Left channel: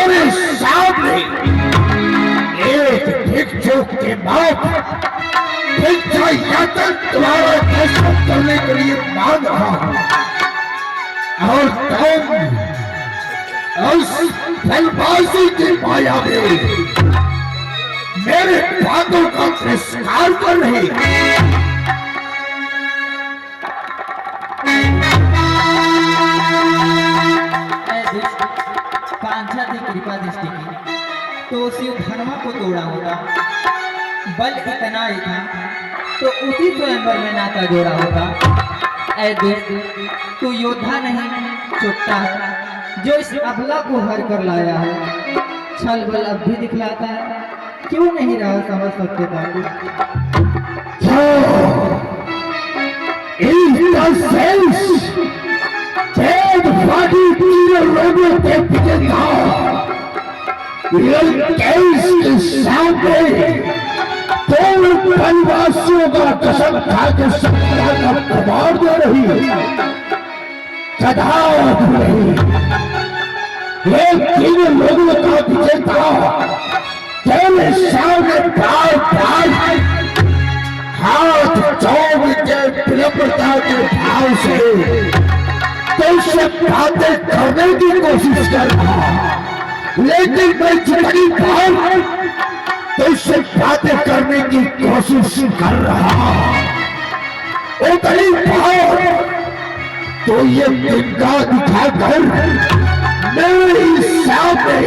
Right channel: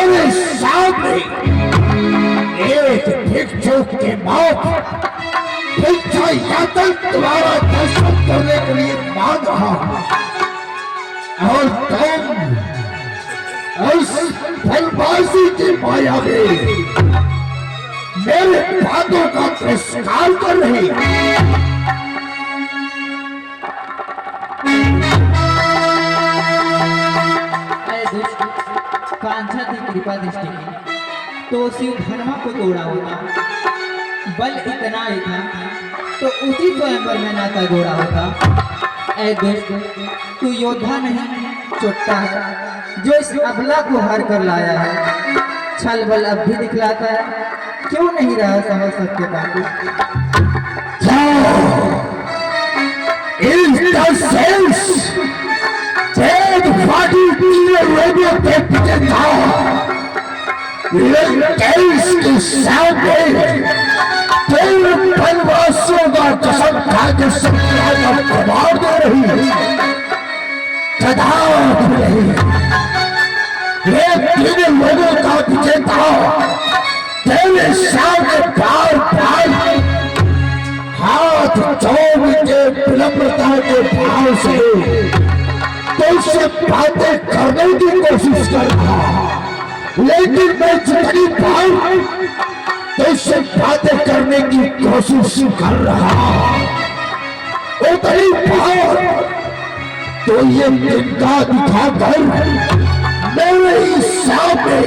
तुम्हारे सामने एक भिक्षुक के मौत भिक्षा यातन तुम्हारा दर्शन करने के लिए मांग रहा हूं और तुम उस फलबाजी की माया में मेरे बातों का तिरस्कार कर रही है। कांक्षा की कृपा दृष्टि की तो शिव धर्मा को तोड़ा होता, बल इतना ही था तो उसी स्वयंवर में नाता जोड़ा होता। ऐ दोस्त, तू योद्धा नहीं चोट्टा है जो इस अबला को हर कर लाया है। छल बल अब भी दिखलाता है, क्यों नहीं रहा समझ सकते बाबू। लोगों के पीछे था के सामने वनवासियों का कसम खा के सत्ता का प्रभाव दे रही है। तीन लोगों का पीछे था तेरे सामने बार बार हाथ जोड़ के विनम्रता के भाव से उससे बातें करने की कोशिश कर रहा, लेकिन मैं जितनी बार उससे बातें करने की कोशिश कर रहा उतनी बार तो ये तिनका दिखाकर मेरे सामने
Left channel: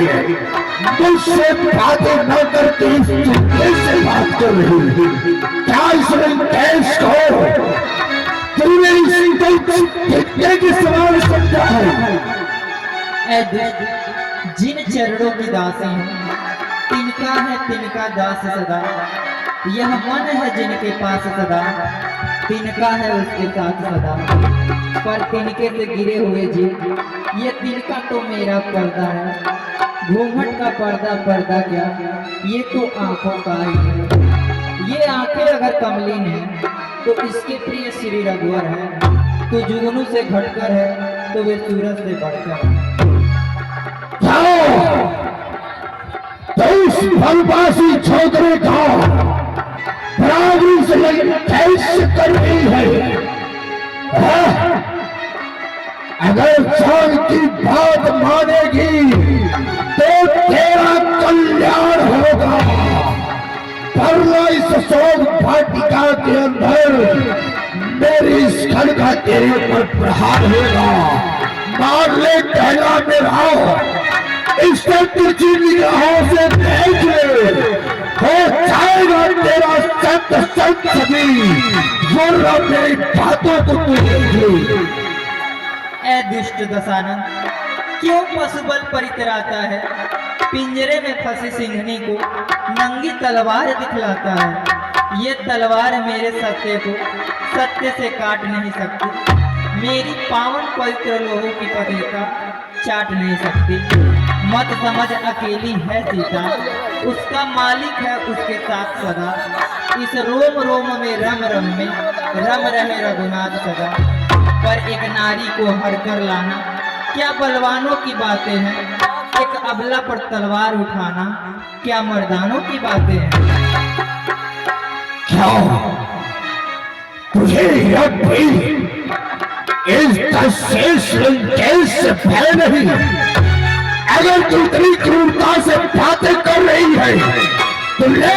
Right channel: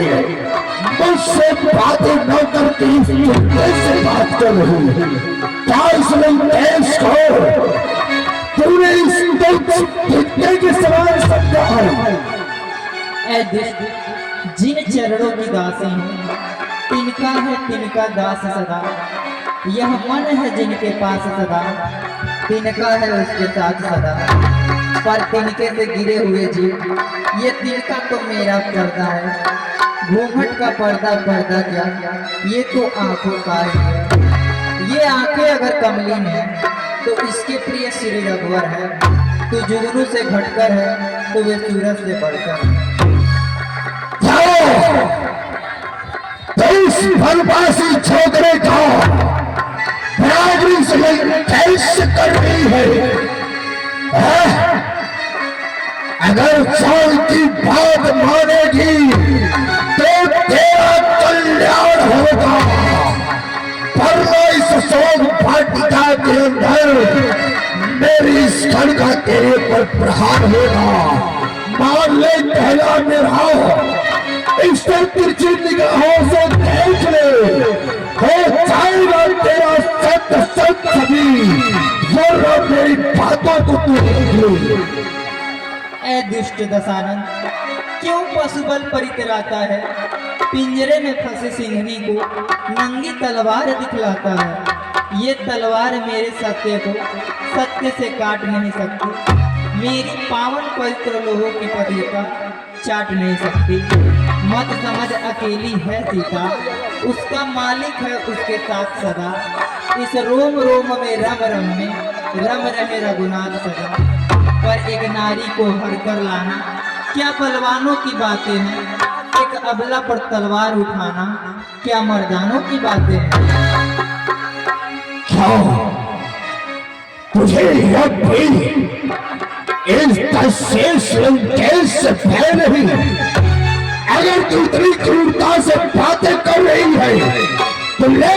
मुझसे बातें न करती कैसे बात कर रही है। क्या इसमें देश को तूने कितने के सवाल समझा है। जिन चरणों की दासी हैं तिनका दास सदा। यह मन है जिनके पास सदा, तिनका है उसके साथ सदा। पर तिनके से गिरे हुए जीव, ये तिनका तो मेरा पर्दा है। घूंघट का पर्दा क्या, ये तो आंखों का ही है। ये आंखें अगर कमलीन है तो इसके प्रिय श्री रघुवर है। तो जुगनू से घटकर है तो वे सूरज से बढ़कर है। फलबासी छोकरे का बराबरी से कैसे कर रही है। अगर साल की बात मानेगी तो तेरा कल्याण होगा। इस शोक भाटिका के अंदर मेरी इस खड़का तेरे पर प्रहार होगा। मान ले पहला मेरा इससे तिरछी निगाहों से देख ले, हो जाएगा तेरा सत्य सभी जरा मेरी बातों को तू देख ले। ऐ दुष्ट दशानन, क्यों पशुबल परितराता है। पिंजरे में फंसे सिंहनी को नंगी तलवार दिखलाता है। ये तलवार मेरे सत्य को सत्य से काट नहीं सकती। मेरी पावन पवित्र लोहों की पवित्रता चाट नहीं सकती। मत समझ अकेली है सीता, उसका मालिक है उसके साथ सदा। इस रोम रोम में रम रहे रघुनाथ सदा। पर एक नारी को हर कर लाना क्या बलवानों की बातें हैं। एक अबला पर तलवार उठाना क्या मर्दानों की बातें हैं। क्या तुझे से भय नहीं? अगर तू इतनी क्रूरता से बातें कर रही है तो ले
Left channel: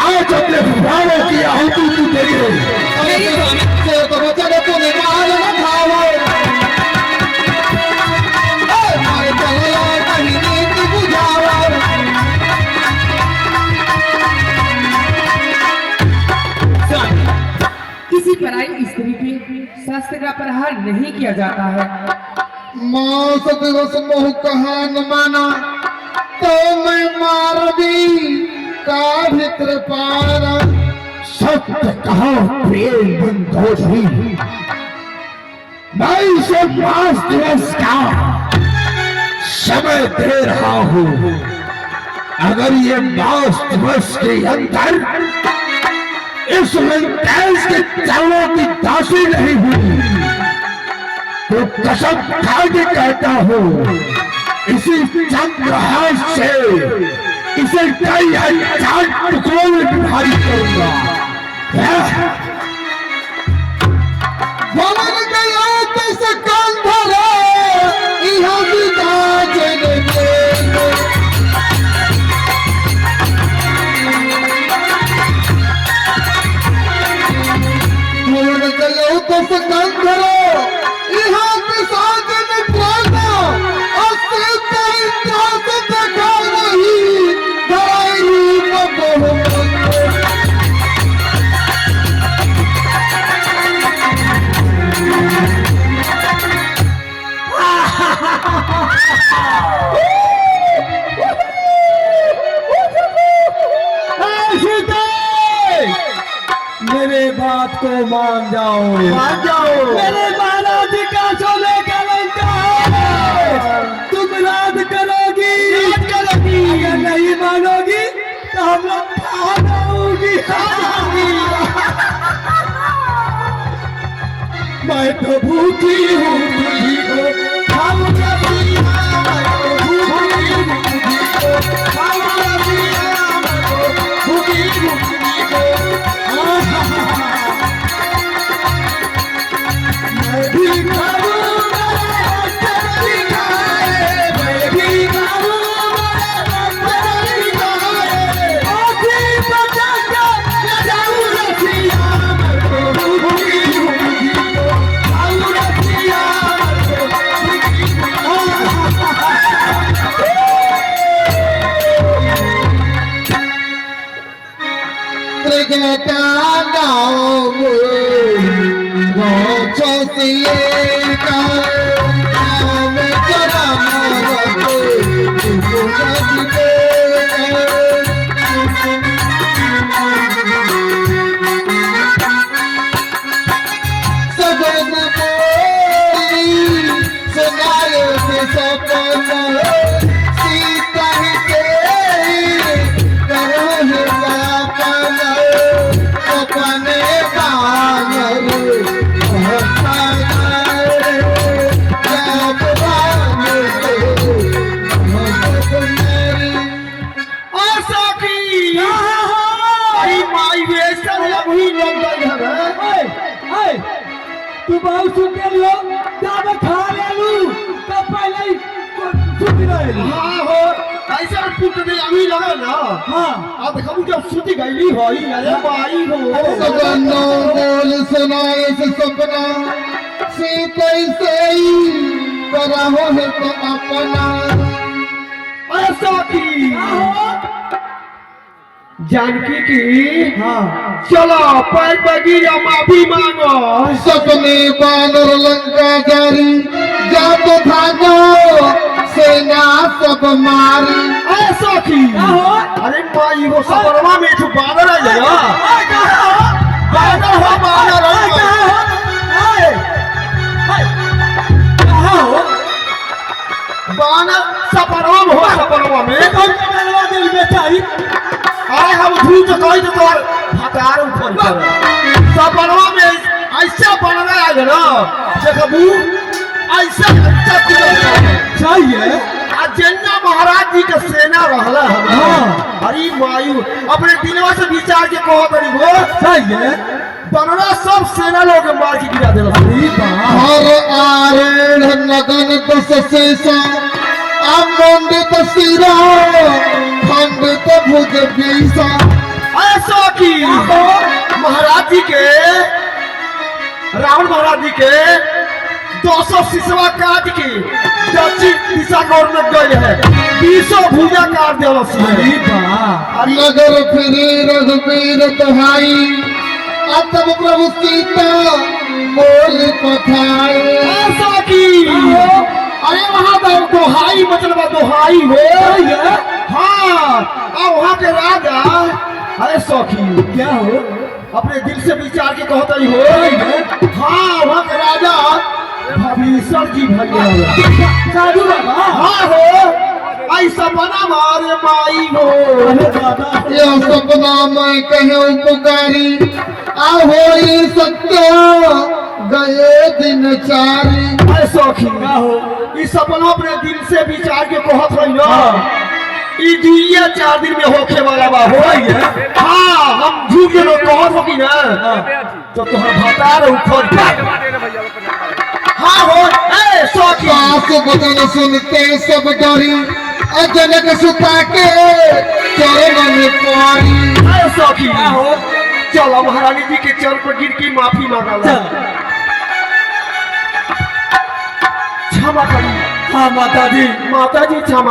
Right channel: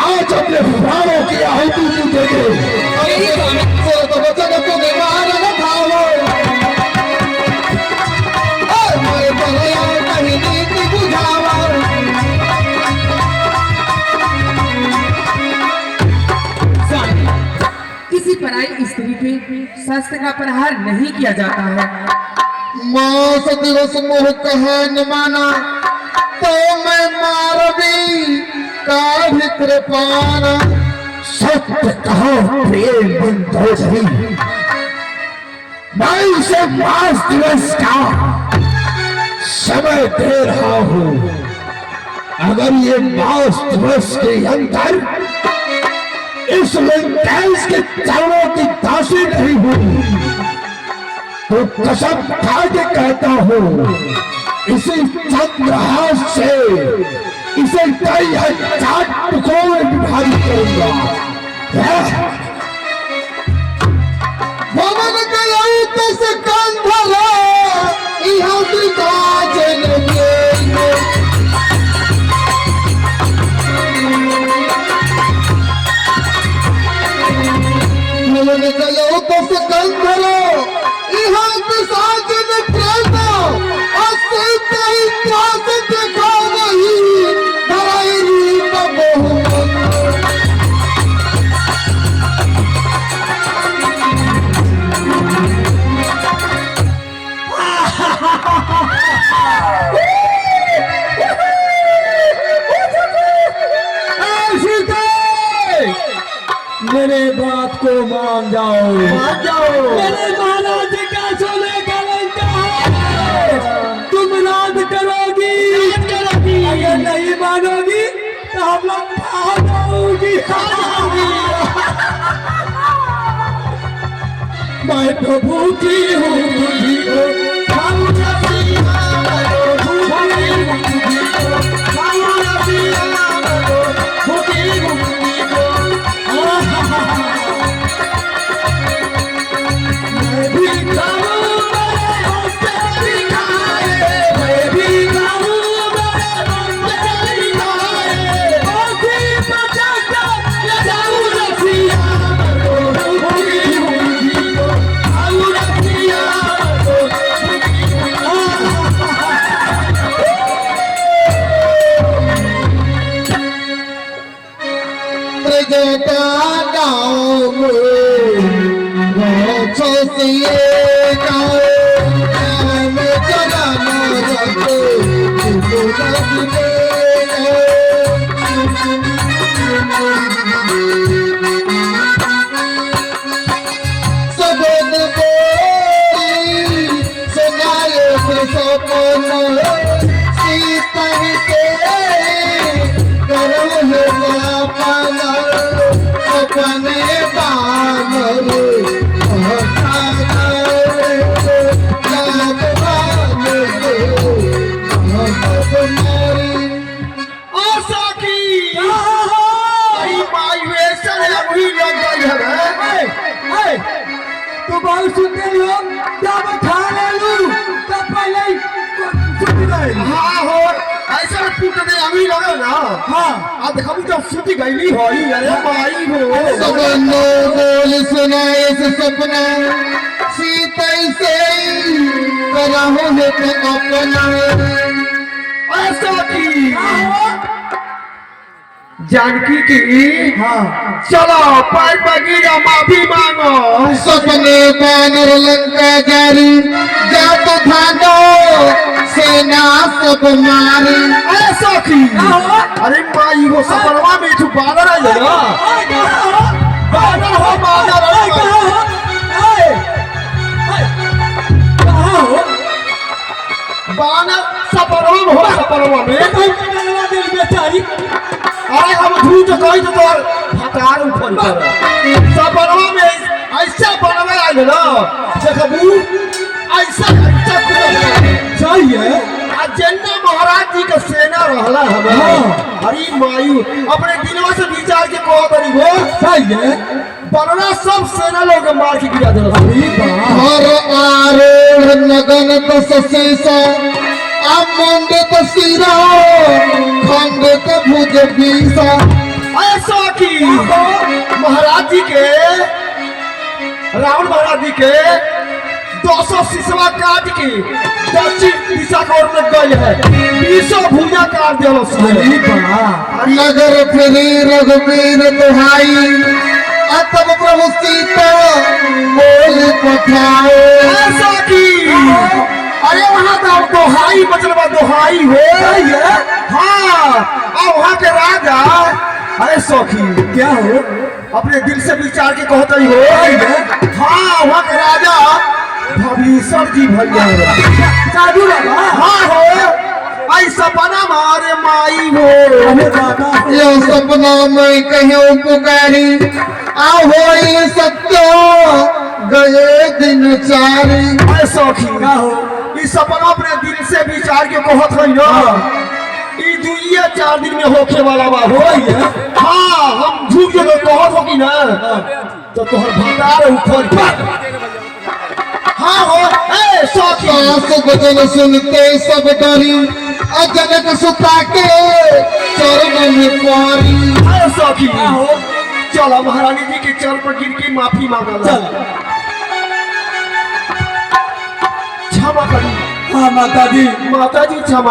आज अपने प्राणों की आहुति तू दे दे। किसी पराई स्त्री पे शास्त्र का प्रहार नहीं किया जाता है। मास दिवस मोह कहा न माना तो मैं मार भी का भित्र पारा। सत्य कहो प्रेम बिंदु सही, मैं इसे मास दिवस का समय दे रहा हूँ। अगर ये मास दिवस के अंदर इस गैस के चरणों की दासी नहीं हुई तो कसम खा के कहता हूँ इसी चंद्रहास से इसे कई हजार टुकड़ों में विभाजित करूंगा। भवन गया कैसे कंधरा यहाँ की काजल भवन गया कैसे कंधरा यहाँ की साजन प्रेरणा असते कहीं त्रास देखा नहीं धराई रूप बहुमत मेरे बात को मान जाओ, मान जाओ। मेरे महाराज का सोने का लंका है। तुम राज करोगी, अगर नहीं मानोगी तो हम लोग भागोगी। मैं तो भूखी हूँ तुझी को खाऊंगा पिया, भूखी हूँ तुझी को खाऊंगा पिया, भूखी हूँ तुझी को। मैं भी खाऊंगा तेरी खाए, मैं भी खाऊंगा तेरी खाए, आँखी बचा के जाऊंगा पिया, भूखी हूँ तुझी को खाऊंगा पिया, तू बहुत सुंदर हो, जब खा ले लू तब पहले ही सुन रहे। हाँ हो ऐसा टूट दे अभी लगा ना। हाँ अब हम जब सुती गईली हो अरे भाई हो सबनो बोल सुनाए से सपना सीते से करहो है तो अपना ऐसा की जानकी की हाँ चलो पैर बगीरा माफी मांगो। सपने बानर लंका जारी जातो भागो सेना सब मारी। ऐसा की अरे माई वो सपनवा में तू बानर आ जाएगा। बानर हो बानर बानर सपनवा में हो सपनवा में बेचारी। अरे हम झूठ कही तो तोर हकार उठल कर सपनवा में ऐसा बनवे आइल ना देखबू ऐसा सही है। जेन्ना महाराज जी के सेना रहला हम अरे मायू अपने दिलवा से विचार के कहो तनी गो सही है। बनना सब सेना लोग मार के गिरा देला। हर आरोढ़ नगन दस शीसा अमंडित सिरा खंडित भुज बीसा। ऐसा की महाराज जी के रावण महाराज जी के 200 शीशवा काट के दक्षिण दिशा की ओर लग गए हैं। 200 भुजा काट दिया नगर फिरे रघुवीर दुहाई तब प्रभु सीता बोल पठाए। ऐसा की अरे वहाँ दोहाई मतलब दोहाई हो हाँ और वहाँ के राजा अरे सौखी क्या हो अपने दिल से विचार के कहता ही हो हाँ वहाँ के राजा भविष्य जी भैया साधु बाबा। हाँ हो ऐसा बना मारे माई हो यह सपना में कहीं पुकारी आहो सत्य गए दिन चारी। ऐ सखी का हो इस सपना अपने दिल से विचार के कहत रही ना ई दुइया 4 दिन में होखे वाला बा हो है। हाँ हम झूठ के लोग कहत हो कि ना तो तोहर भतार उखोड़ के हाँ हो ए सखी सास वचन सुनते सब डरी अजनक सुता के चरण में पारी। ऐ सखी चलो महारानी जी के चरण पर गिर के माफी मांगा चल क्षमा करी हाँ माता जी माता जी क्षमा